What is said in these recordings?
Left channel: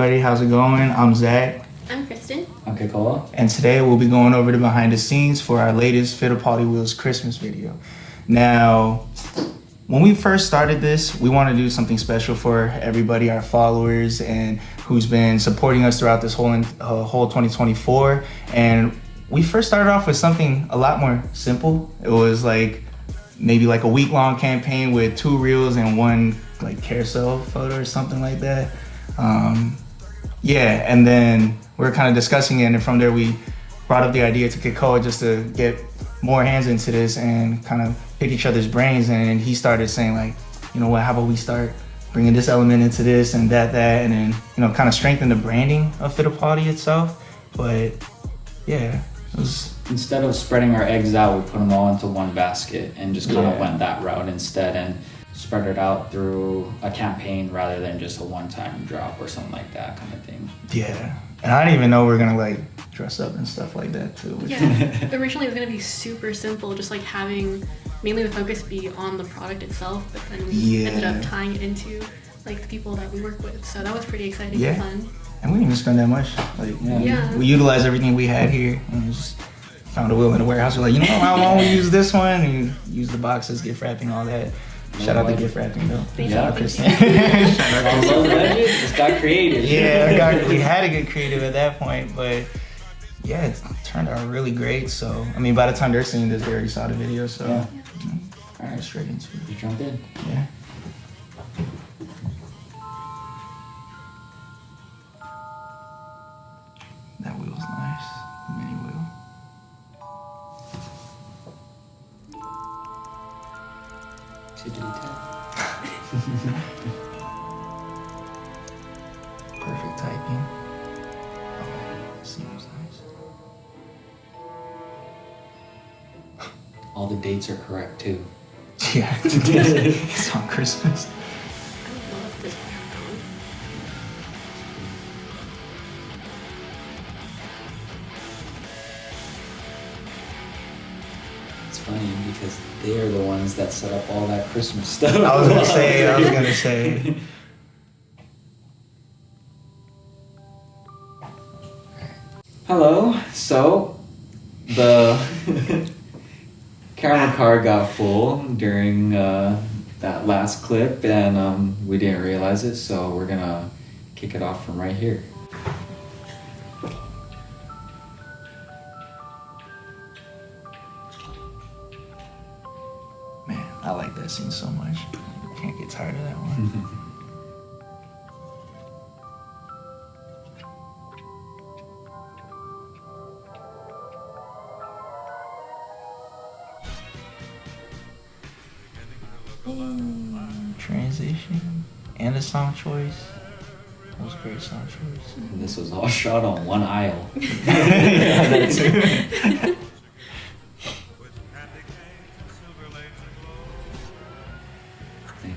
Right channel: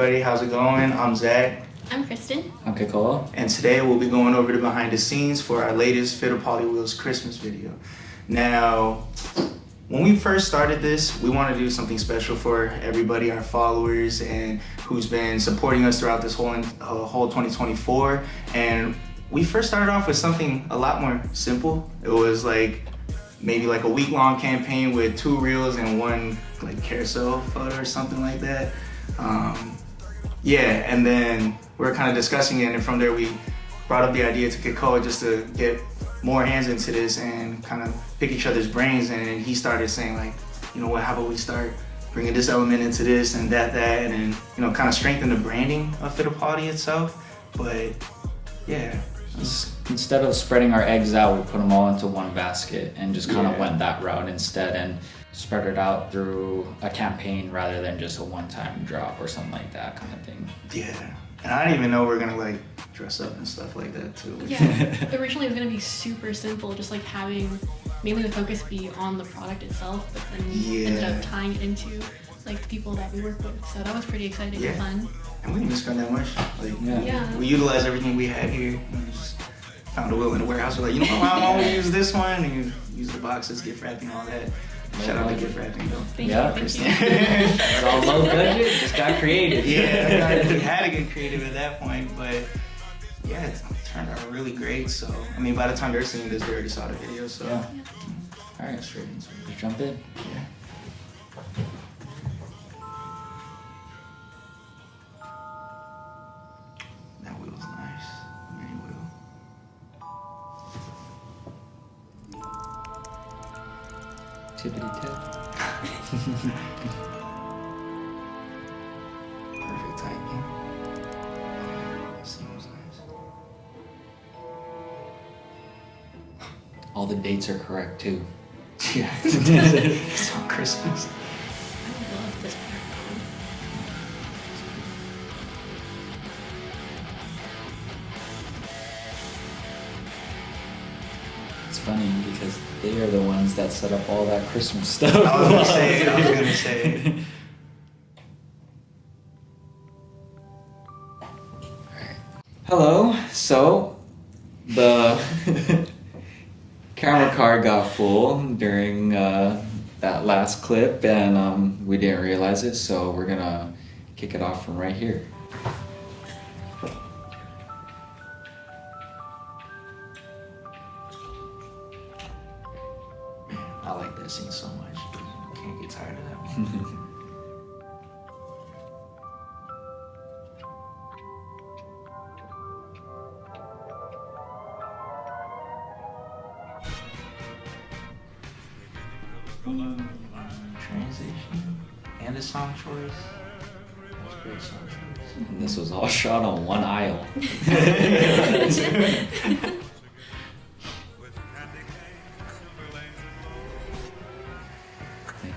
everybody, how's it going? I'm Zach. I'm Kristen. I'm Kekoa. And today we'll be going over the behind the scenes for our latest Fittipaldi Wheels Christmas video. Now, when we first started this, we want to do something special for everybody, our followers, and who's been supporting us throughout this whole 2024. And we first started off with something a lot more simple. It was like maybe like a week-long campaign with 2 reels and 1 like carousel photo or something like that. Yeah, and then we were kind of discussing it, and from there we brought up the idea to Kekoa just to get more hands into this and kind of pick each other's brains. And he started saying like, you know what, how about we start bringing this element into this and that, and then, you know, kind of strengthen the branding of Fittipaldi itself. But yeah, Instead of spreading our eggs out, we put them all into one basket and just kind of went that route instead and spread it out through a campaign rather than just a one-time drop or something like that kind of thing. Yeah, and I didn't even know we were gonna like dress up and stuff like that too. Yeah, originally it was gonna be super simple, just like having mainly the focus be on the product itself, but then we ended up tying it into like the people that we work with. So that was pretty exciting and fun. And we didn't even spend that much. Like, we utilized everything we had here and just found a wheel in the warehouse. We're like, you know what, why won't we use this one? And you use the boxes, gift wrapping, all that. Shout out to gift wrapping though. Thank you, Kristen. Low budget, just got creative. Yeah, we had to get creative at that point, but yeah, it turned out really great. So, I mean, by the time they're seeing this, they already saw the video, so. Yeah. All right, straight into it. You jump in? Yeah. That wheel's nice, the mini wheel. Tippity tap. Perfect typing. Oh, that seems nice. All the dates are correct too. Yeah, it's on Christmas. I love this background. It's funny because they are the ones that set up all that Christmas stuff. I was gonna say. Hello, so the camera card got full during that last clip and we didn't realize it, so we're gonna kick it off from right here. Man, I like that scene so much. Can't get tired of that one. Transition and a song choice. That was a great song choice. And this was all shot on one aisle. Thank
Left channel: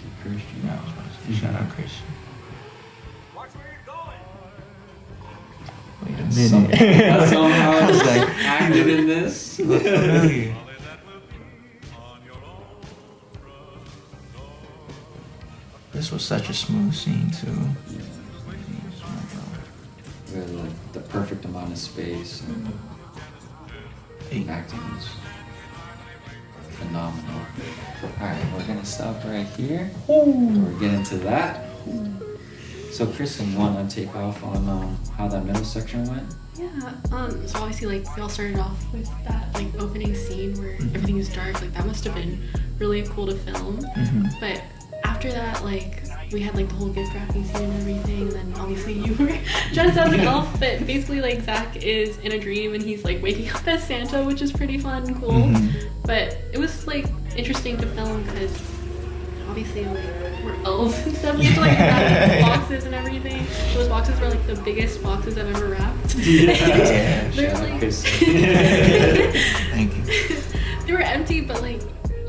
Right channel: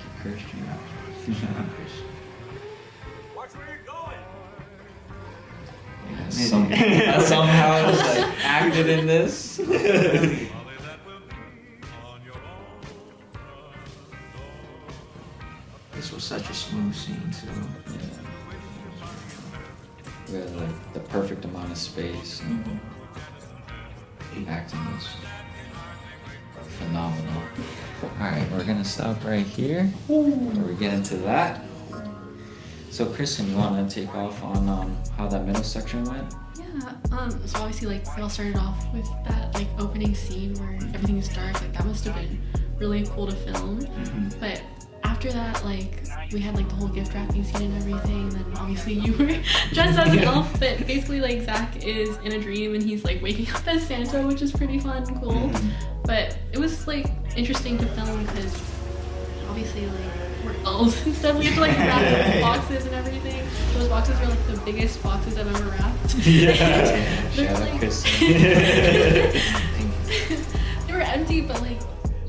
you, Christian. Shout out Christian. Watch where you're going. That somehow is like acted in this. Really? This was such a smooth scene too. We had like the perfect amount of space. Acting was phenomenal. Alright, we're gonna stop right here. We're getting to that. So Kristen, you wanna take off on how that middle section went? Yeah, so obviously like we all started off with that like opening scene where everything is dark. Like that must have been really cool to film. But after that, like we had like the whole gift wrapping scene and everything, and then obviously you were dressed as an elf, but basically like Zach is in a dream and he's like waking up as Santa, which is pretty fun and cool. But it was like interesting to film because obviously like, we're elves and stuff. We had to like wrap the boxes and everything. Those boxes were like the biggest boxes I've ever wrapped. They're like Thank you. they were empty, but like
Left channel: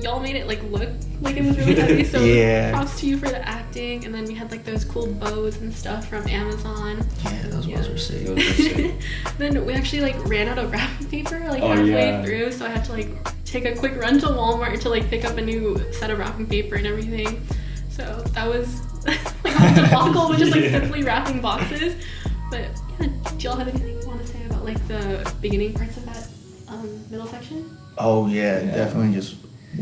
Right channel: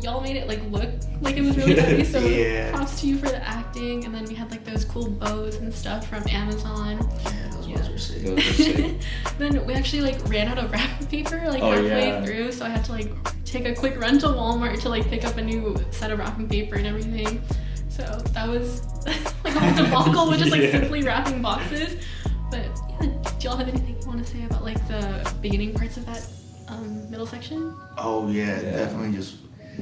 y'all made it like look like it was really heavy, so props to you for the acting. And then we had like those cool bows and stuff from Amazon. Yeah, those bows were sick. Then we actually like ran out of wrapping paper like halfway through, so I had to like take a quick run to Walmart to like pick up a new set of wrapping paper and everything. So that was like like the whole debacle was just like simply wrapping boxes. But yeah, do y'all have anything you want to say about like the beginning parts of that middle section? Oh yeah, definitely just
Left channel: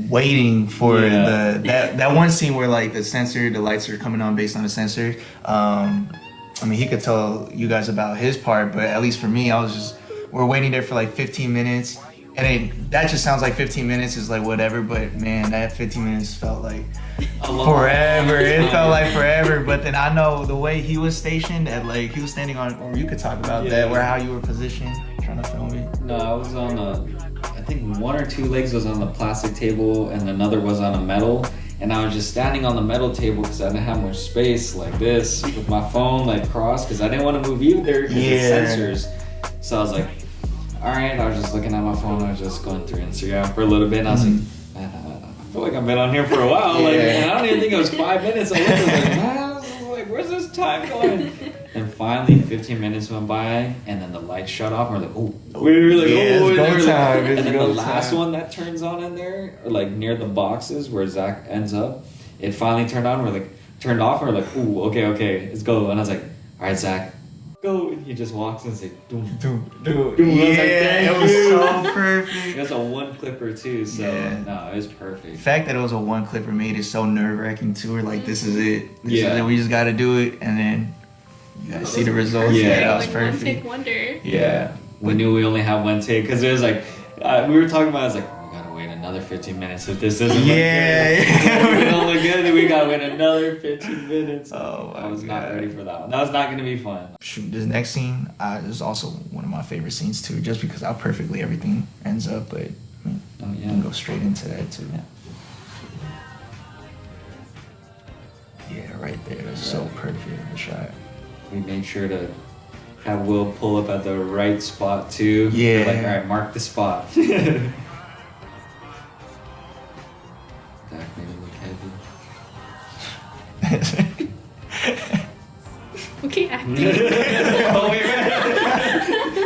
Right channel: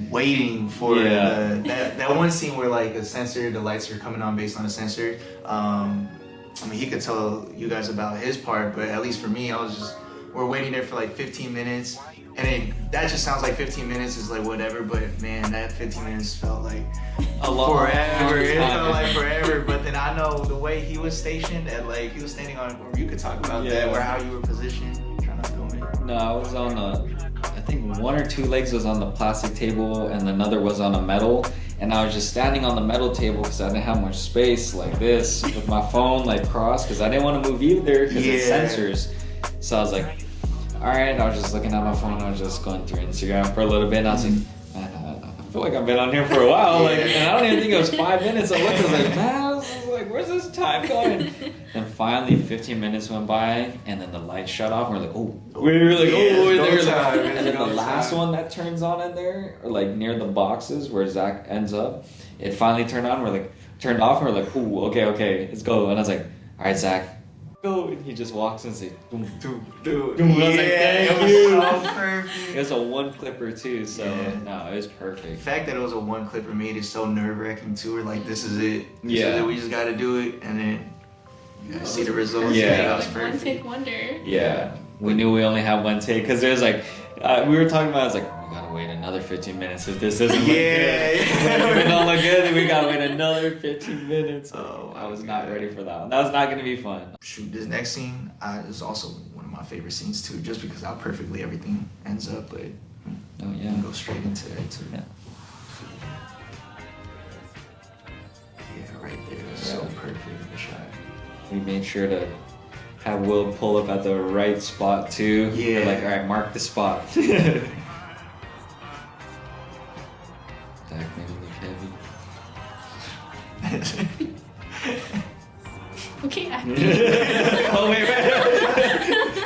waiting for that one scene where like the lights are coming on based on the sensor. I mean, he could tell you guys about his part, but at least for me, we're waiting there for like 15 minutes. And that just sounds like 15 minutes is like whatever, but man, that 15 minutes felt like forever. It felt like forever. But then I know the way he was stationed at like, he was standing on, or you could talk about that, or how you were positioned trying to film it. No, I was on I think one or two legs was on the plastic table and another was on a metal. And I was just standing on the metal table because I didn't have much space like this with my phone like crossed because I didn't want to move either because it's sensors. So I was like, all right, I was just looking at my phone. I was just going through Instagram for a little bit, and I was like, man, I feel like I've been on here for a while. Like, and I don't even think it was 5 minutes. I was like, man, I was like, where's this time going? And finally, 15 minutes went by, and then the lights shut off. And we're like, oh, we were like, oh, and then the last one that turns on in there, like near the boxes where Zach ends up, it finally turned on. We're like, turned off. And we're like, oh, okay, let's go. And I was like, all right, Zach. Go, and he just walks and says, doom, doom, doom, doom. I was like, it was so perfect. It was a one clipper too, so no, it was perfect. The fact that it was a one clipper made it so nerve wracking too. We're like, this is it. This is it. We just got to do it, and then you guys see the results. Yeah, that was like perfect. one take wonder. Yeah, we knew we only had one take because it was like we were talking about. I was like, we gotta wait another 15 minutes if this doesn't look good. If it don't look good, then we gotta wait another 15 minutes. Oh, I was not ready for that one. That was not gonna be fun. Shoot, this next scene is also one of my favorite scenes too, just because how perfectly everything ends up. But we can go straight into that too. Yeah, right there. That's so perfect, the shot. We made sure to have Will pull up at the right spot too. Yeah. We're like, all right, mark the spot. Zach made it look heavy. Okay, acting. Oh wait.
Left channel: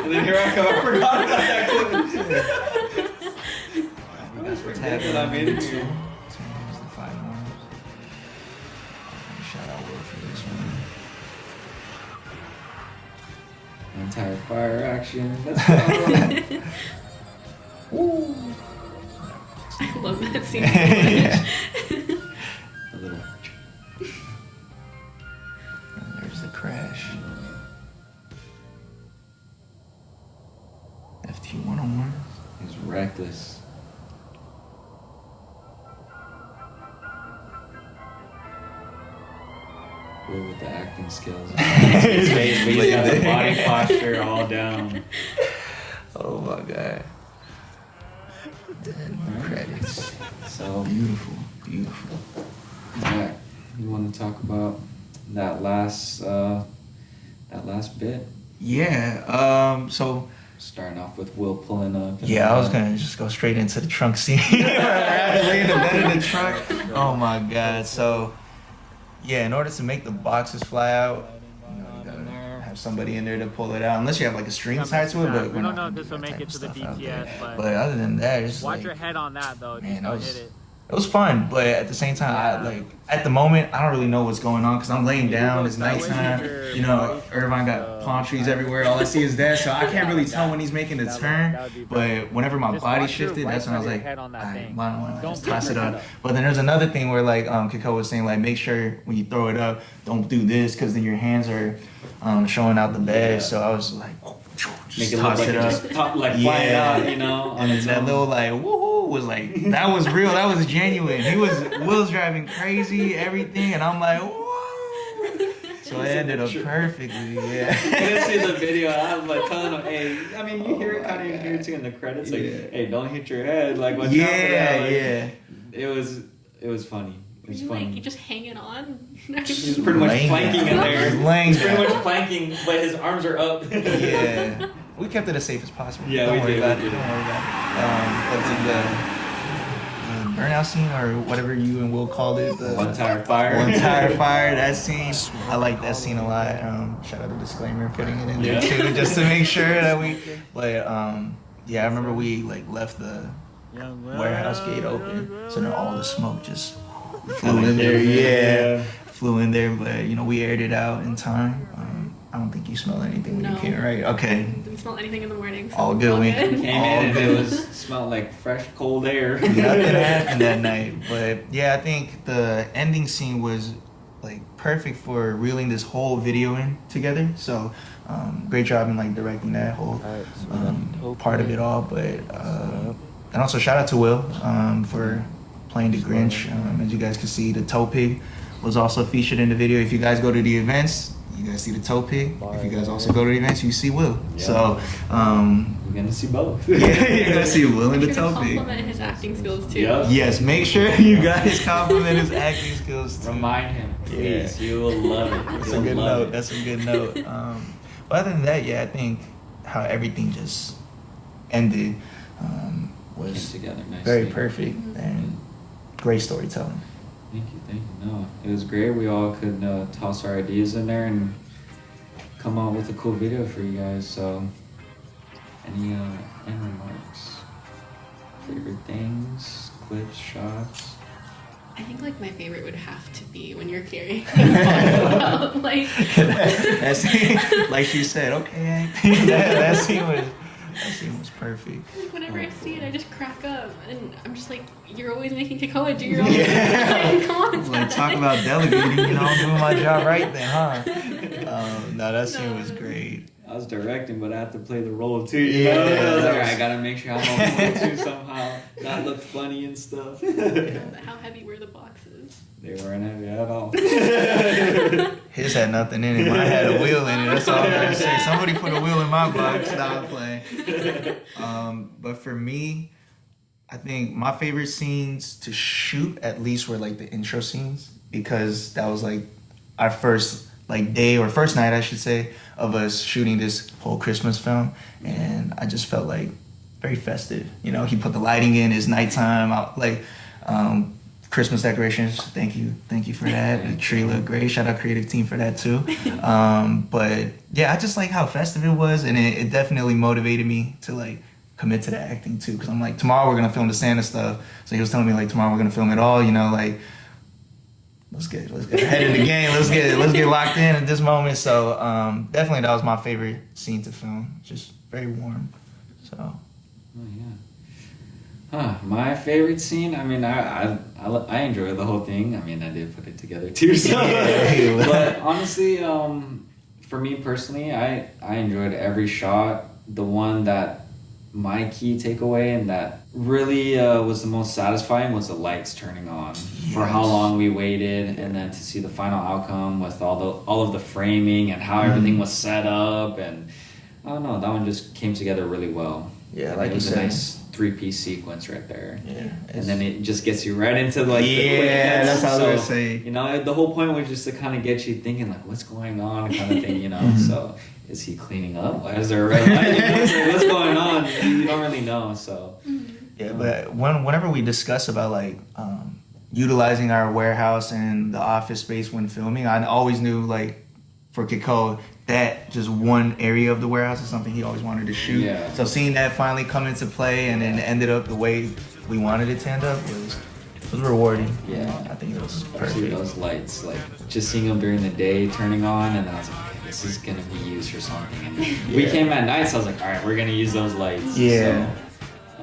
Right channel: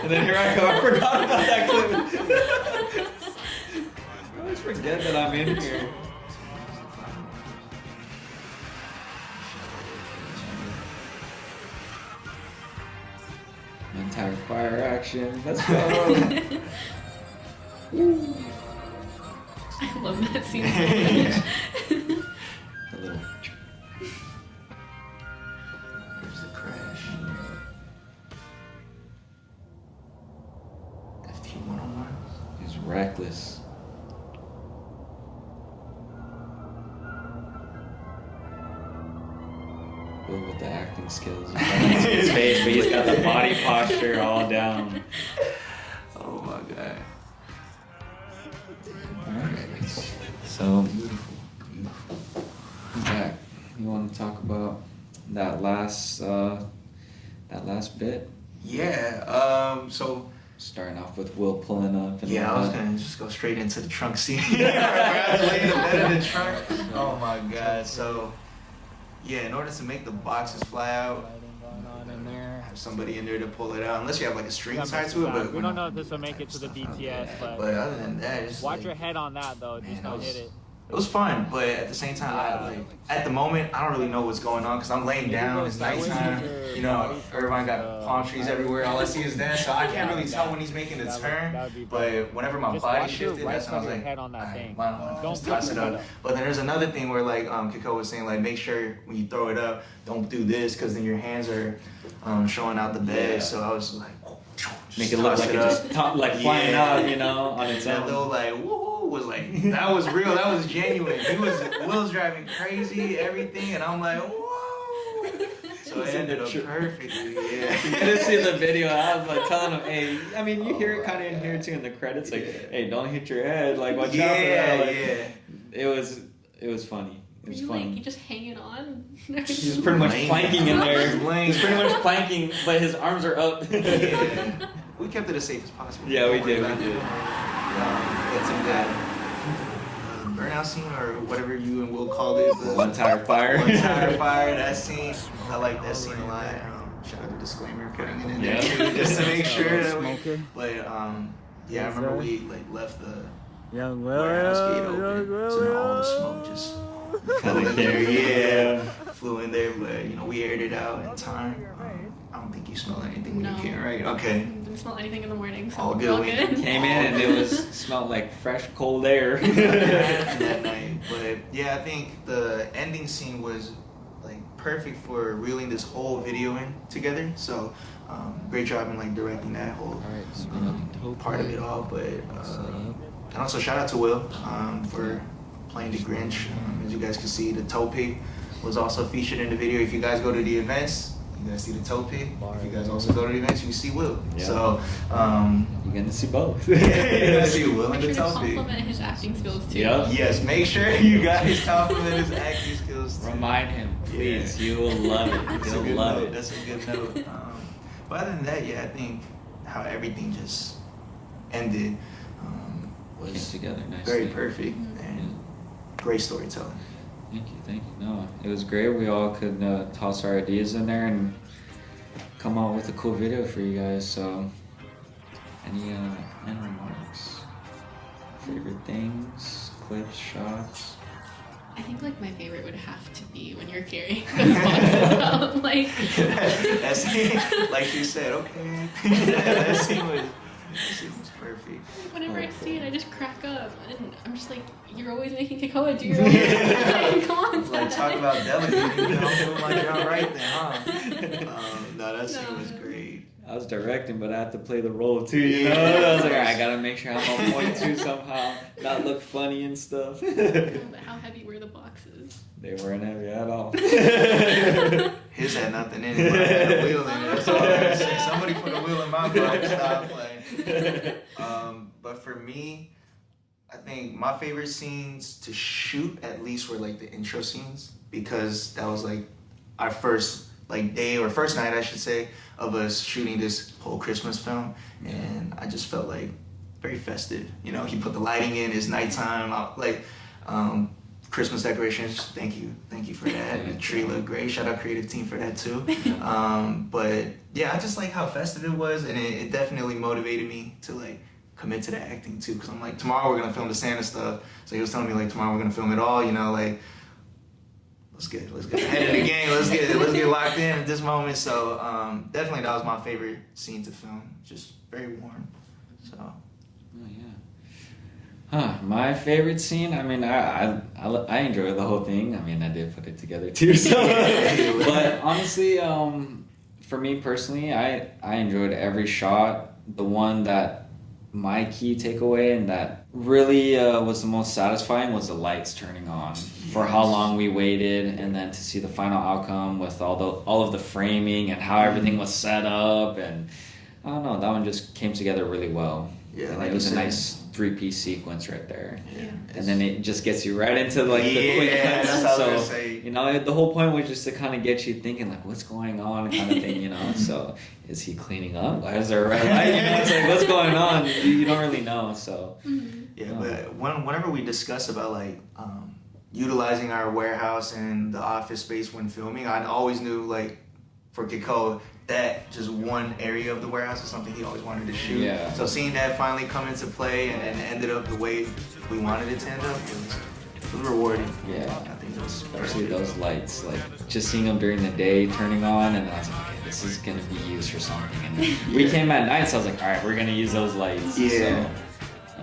And then here I come. I forgot about that clip. I always forget that I'm in here. Entire fire action. Let's go. Woo. I love that scene so much. There's the crash. FT101. He's reckless. With the acting skills. His face, but he's got the body posture all down. Oh my god. Credits. So beautiful. Zach, you want to talk about that last bit? Yeah. So starting off with Will pulling up. I was gonna just go straight into the trunk scene. Rather lay in the bed in the trunk. Oh my god. So yeah, in order to make the boxes fly out, you gotta have somebody in there to pull it out. Unless you have like a string tied to it, but we don't know if this will make it to the DTS. But other than that, it's watch like, your head on that though. Man, it was fun, but at the same time, at the moment, I don't really know what's going on because I'm laying down. It's nighttime. You know, Irvine got palm trees everywhere. All I see is that, so I can't really tell when he's making the turn. But whenever my body shifted, that's when I was like, why don't I just toss it up? But then there's another thing where like Kekoa was saying, like, make sure when you throw it up, don't do this because then your hands are showing out the bed. So I was like, make it look like it's just flying out, you know. And then that little like woohoo was like, that was real, that was genuine. Will's driving crazy, everything, and I'm like, whoa. So it ended up perfectly, yeah. You didn't see the video, and I was like telling him, hey, I mean, you hear it kind of here too in the credits, like, hey, don't hit your head, like, watch out for that. It was funny. It was funny. Like, you just hanging on. He's pretty much planking in there. He's pretty much planking, but his arms are up. Yeah. We kept it as safe as possible. Yeah, we did. That's in the burnout scene, or whatever you and Will called it. The One tire fire. One tire fire. That scene, I like that scene a lot. Shout out to disclaimer, putting it in there too, just to make sure that we. But I remember we like left the warehouse gate open, so then all the smoke just fell in there. Yeah. flew in there, but you know, we aired it out in time. I don't think you smell anything when you came, right? Okay. Didn't smell anything in the morning. So All good. We Came in and it smelled like fresh, cold air. Nothing happened that night, but yeah, I think the ending scene was like perfect for reeling this whole video in together. So great job in like directing that whole part of it all. But and also shout out to Will for playing the Grinch. As you guys can see, the toe pig was also featured in the video. If you guys go to the events, you guys see the toe pig. If you guys also go to the events, you see Will. Yeah. So You're gonna see both. yeah, you're gonna see Will and the Make sure to toe pig. compliment his acting skills too. Yeah. Yes, make sure you guys compliment his acting skills too. Remind him, please. You will love it. That's a You'll good love note. it. That's a good note. But other than that, yeah, I think how everything just ended Came was together nicely. very perfect and great storytelling. Thank you. No, it was great. We all could toss our ideas in there and come out with a cool video for you guys. So, any end remarks? Favorite things, clips, shots? I think like my favorite would have to be when you're carrying those boxes out. Like That scene, like she said, okay, that scene was perfect. whenever I see it, I just crack up, and I'm just like, you're always making Kekoa do your like, come on, Like talk about delegating, you know, I'm doing my job right then, huh? No, that scene was great. I was directing, but I had to play the role too. You Yeah. know? I was like, I gotta make sure I'm on point too somehow, not look funny and stuff. How heavy were the boxes? They weren't heavy at all. His had nothing in it. Mine had a wheel in it. That's all I'm gonna say. Somebody put a wheel in my box. Stop playing. But for me, I think my favorite scenes to shoot at least were like the intro scenes, because that was like our first like day, or first night I should say, of us shooting this whole Christmas film, and I just felt like very festive. You know, he put the lighting in, it's nighttime. Christmas decorations. Thank you for that. The tree looked great. Shout out creative team for that too. But yeah, I just like how festive it was, and it definitely motivated me to like commit to the acting too. Because I'm like, tomorrow we're gonna film the Santa stuff. So he was telling me like tomorrow we're gonna film it all. You know, like let's get ahead of the game. Let's get locked in at this moment. So definitely that was my favorite scene to film. Just very warm. So. Oh, yeah. Huh, my favorite scene, I mean, I enjoyed the whole thing. I mean, I did put it together too, so. But honestly, for me personally, I enjoyed every shot. The one that my key takeaway and that really was the most satisfying was the lights turning on. Yes. For how long we waited, and then to see the final outcome with all of the framing and how everything was set up, and I don't know, that one just came together really well. Yeah, like it was you said. a nice 3-piece sequence right there. Yeah. And then it just gets you right into like the quick yeah, hits. that's how I was So, gonna say. you know, the whole point was just to kind of get you thinking like, what's going on, kind of thing, you know. So is he cleaning up? Why is there a red light? What's going on? You don't really know. So Yeah, but whenever we discuss about like utilizing our warehouse and the office space when filming, I always knew like for Kekoa, that just one area of the warehouse is something he always wanted to shoot. Yeah. So seeing that finally come into play and then it ended up the way we wanted it to end up, it was rewarding. Yeah. I think it was especially perfect. those lights, like just seeing them during the day turning on, and I was like, okay, this is gonna be used for something. And we came at night, so I was like, all right, we're gonna use those lights. Yeah. So,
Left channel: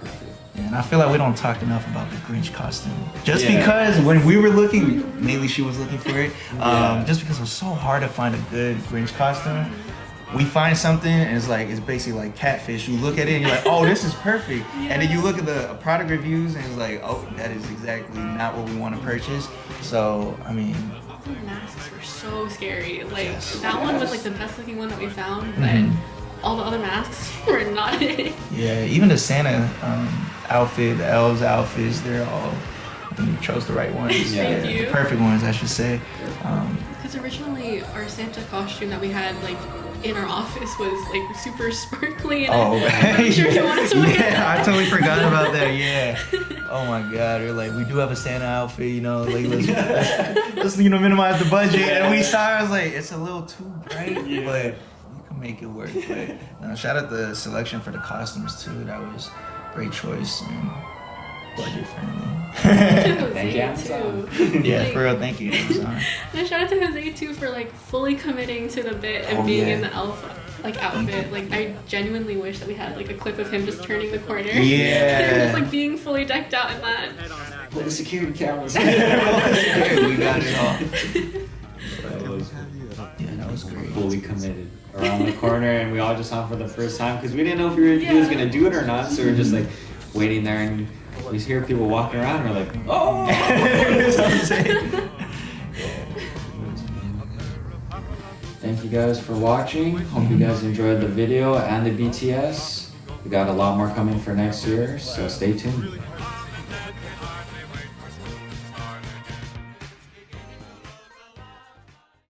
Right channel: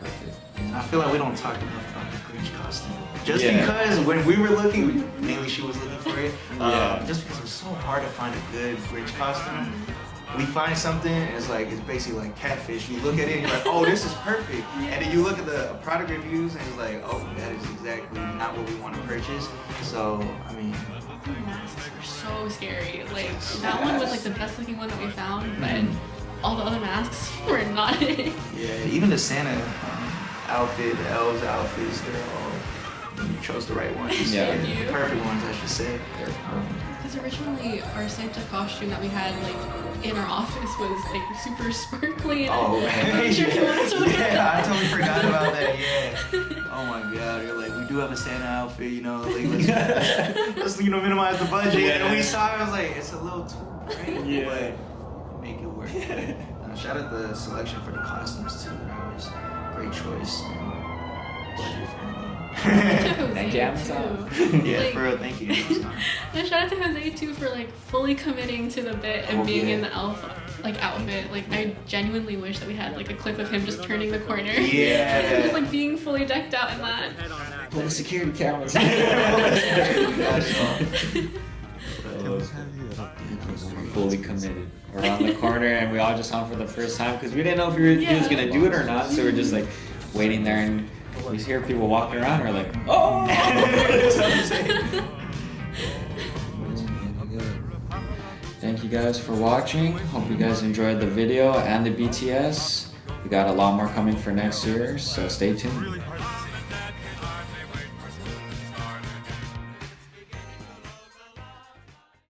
perfect. And I feel like we don't talk enough about the Grinch costume. Just Yeah. because when we were looking, mainly she was looking for it, Yeah. just because it was so hard to find a good Grinch costume. We find something and it's basically like catfish. You look at it and you're like, oh, this is perfect. And then you look at the product reviews and you're like, oh, that is exactly not what we want to purchase. So, I mean, The masks were so scary. Like that one was like the best looking one that we found, but all the other masks were not it. yeah, even the Santa outfit, the elves outfits, they're all, you chose the right ones. Yeah. Thank you. The perfect ones, I should say. Because originally our Santa costume that we had like in our office was like super sparkly, and Oh, I'm sure you wanted to wear yeah, that. I totally forgot about that. Yeah. Oh my God. We're like, we do have a Santa outfit, you know, like let's minimize the budget. And we saw it, I was like, it's a little too bright, but you can make it work. But shout out the selection for the costumes too. That was a great choice and budget friendly. Thank you, Amazon. Yeah, Like, for real, thank you, Amazon. no, shout out to Jose too for like fully committing to the bit and Oh, being yeah. in the elf outfit. Like I genuinely wish that we had like a clip of him just turning the corner. Yeah. Just like being fully decked out in that. Head on that. Put the security cameras. We got it all. Fully committed around the corner, and we all just saw him for the first time because we didn't know if he was gonna do it or not. So we're just like waiting there, and we hear people walking around. We're like, oh. That's what I'm saying. Thank you guys for watching. Hope you guys enjoyed the video and the BTS. We got a lot more coming for next year, so stay tuned.